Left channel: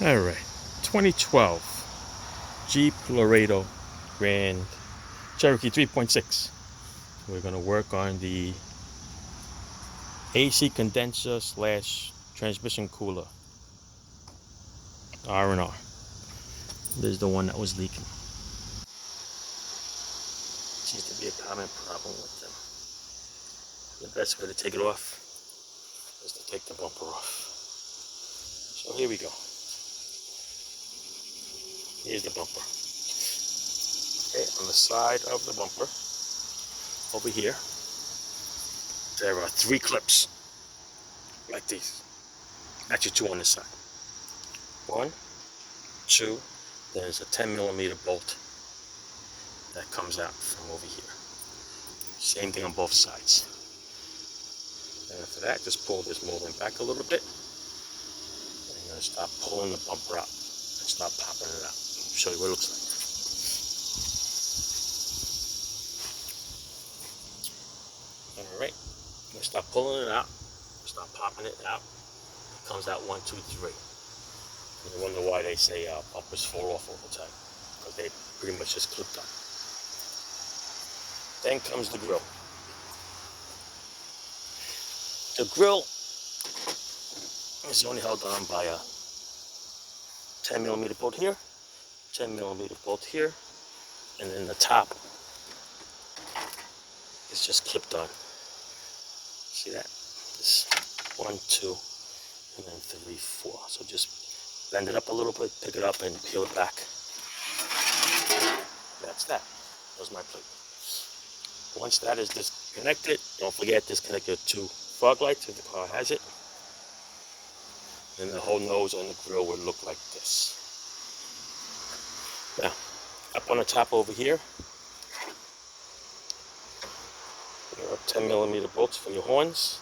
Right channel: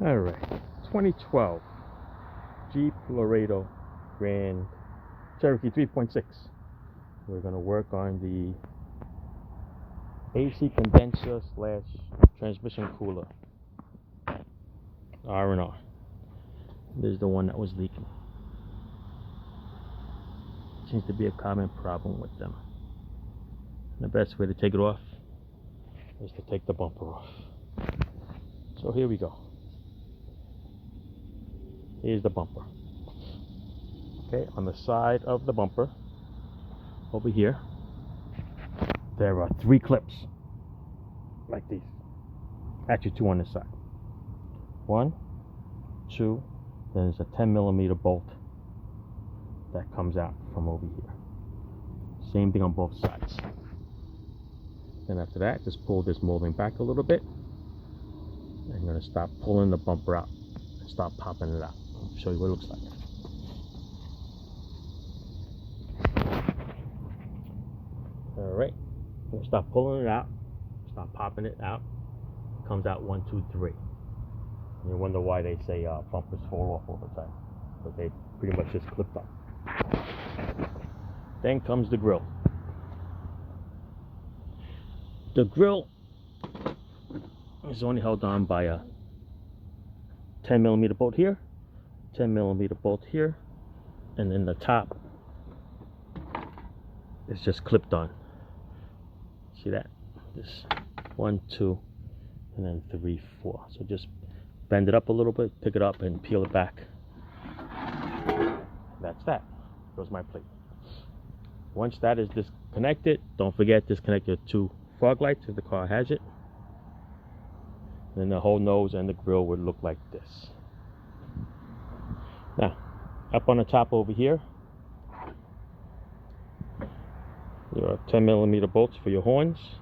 Alright, 2012 Jeep Laredo Grand Cherokee 3.6. We're going to work on the AC condenser slash transmission cooler, R&R. This is the one that was leaking. Seems to be a common problem with them. The best way to take it off is to take the bumper off. So here we go. Here's the bumper. Okay, on the side of the bumper, over here, there are 3 clips, like these. Actually 2 on this side. 1, 2, then there's a 10mm bolt that comes out from over here. Same thing on both sides. And after that, just pull this molding back a little bit. And I'm going to stop pulling the bumper out and start popping it out. I'll show you what it looks like. Alright, I'm going to start pulling it out, start popping it out. It comes out 1, 2, 3. And you wonder why they say bumpers fall off all the time, because they pretty much just clipped on. Then comes the grill. The grill is only held on by a 10mm bolt here, 10mm bolt here, and then the top is just clipped on. See that? This 1, 2, and then 3, 4. So just bend it up a little bit, pick it up, and peel it back. That's that. There's my plate. Once that is disconnected, don't forget disconnect your 2 fog lights if the car has it. Then the whole nose and the grill would look like this. Now, up on the top over here, your 10mm bolts for your horns,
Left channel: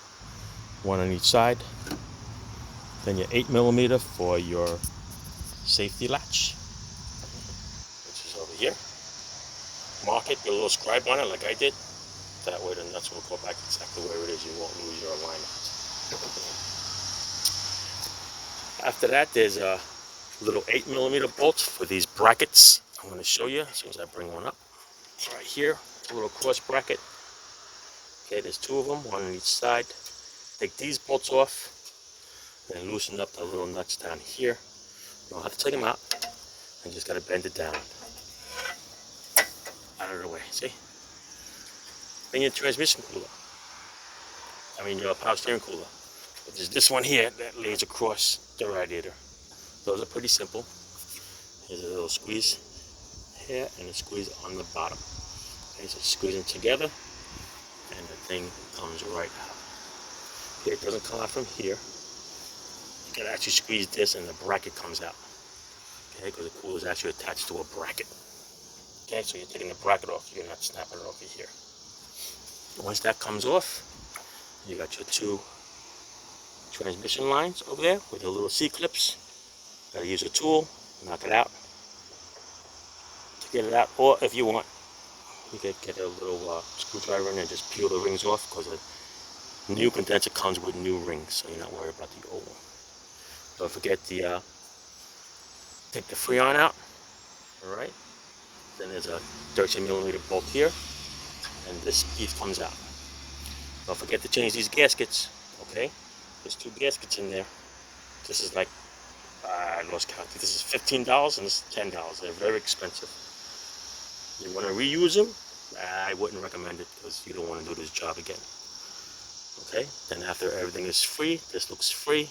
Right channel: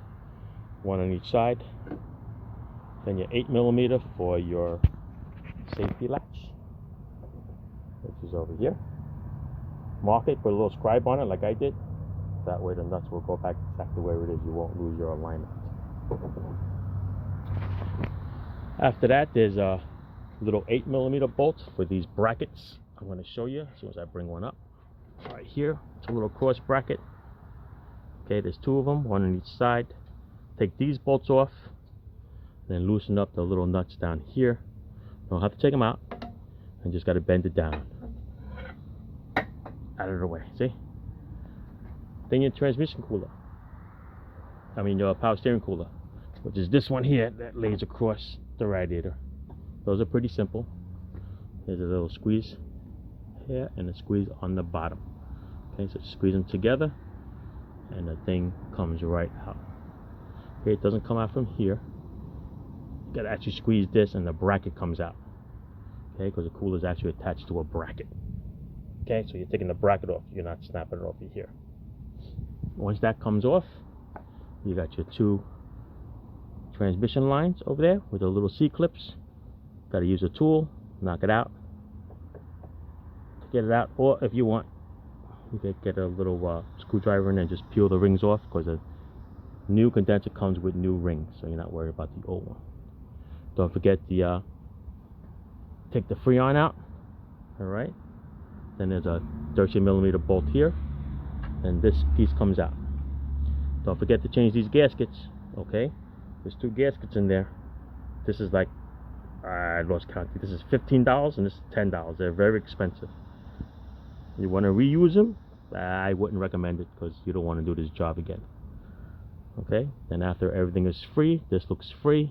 1 on each side. Then your 8mm for your safety latch, which is over here. Mark it, put a little scribe on it like I did. That way the nuts will go back exactly where it is. You won't lose your alignment. After that, there's a little 8mm bolts for these brackets. I'm going to show you as soon as I bring one up. It's right here. It's a little cross bracket. Okay, there's 2 of them, 1 on each side. Take these bolts off, then loosen up the little nuts down here. You don't have to take them out. You just got to bend it down. Out of the way, see? Then your transmission cooler. Your power steering cooler. But there's this one here that lays across the radiator. Those are pretty simple. Here's a little squeeze here and a squeeze on the bottom. Okay, so squeeze them together and the thing comes right out. Okay, it doesn't come out from here. You gotta actually squeeze this and the bracket comes out. Okay, because the cooler is actually attached to a bracket. Okay, so you're taking the bracket off, you're not snapping it off of here. Once that comes off, you got your 2 transmission lines over there with the little C-clips. Got to use a tool, knock it out to get it out. Or if you want, you can get a little screwdriver and then just peel the rings off, because a new condenser comes with new rings, so you're not worried about the old one. Don't forget to take the Freon out. Alright. Then there's a 13mm bolt here, and this piece comes out. Don't forget to change these gaskets. Okay, there's 2 gaskets in there. This is like, I lost count. This is $15 and this is $10. They're very expensive. You want to reuse them? I wouldn't recommend it, because you don't want to do this job again. Okay, then after everything is free, this looks free.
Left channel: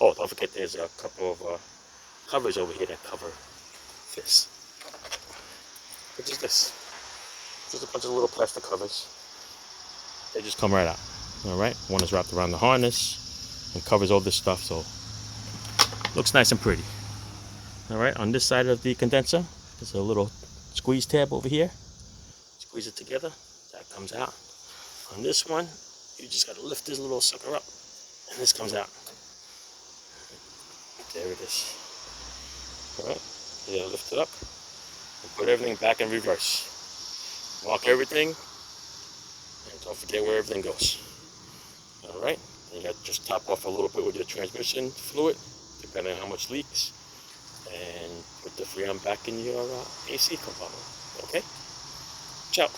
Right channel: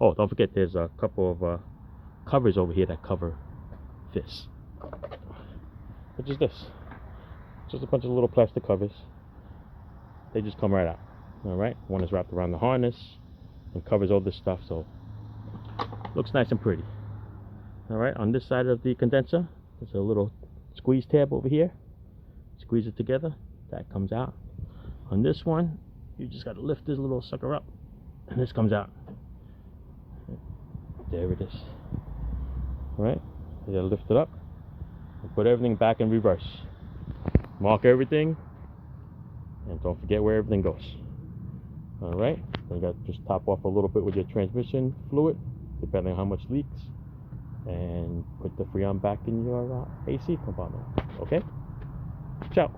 Oh, don't forget there's a couple of covers over here that cover this. Which is this. Just a bunch of little plastic covers. They just come right out. Alright, one is wrapped around the harness and covers all this stuff, so looks nice and pretty. Alright, on this side of the condenser, there's a little squeeze tab over here. Squeeze it together, that comes out. On this one, you just gotta lift this little sucker up, and this comes out. There it is. Alright, you gotta lift it up. Put everything back in reverse. Mark everything, and don't forget where everything goes. Alright, then you got to just top off a little bit with your transmission fluid, depending on how much leaks. and put the Freon back in your AC compartment. Okay? Ciao.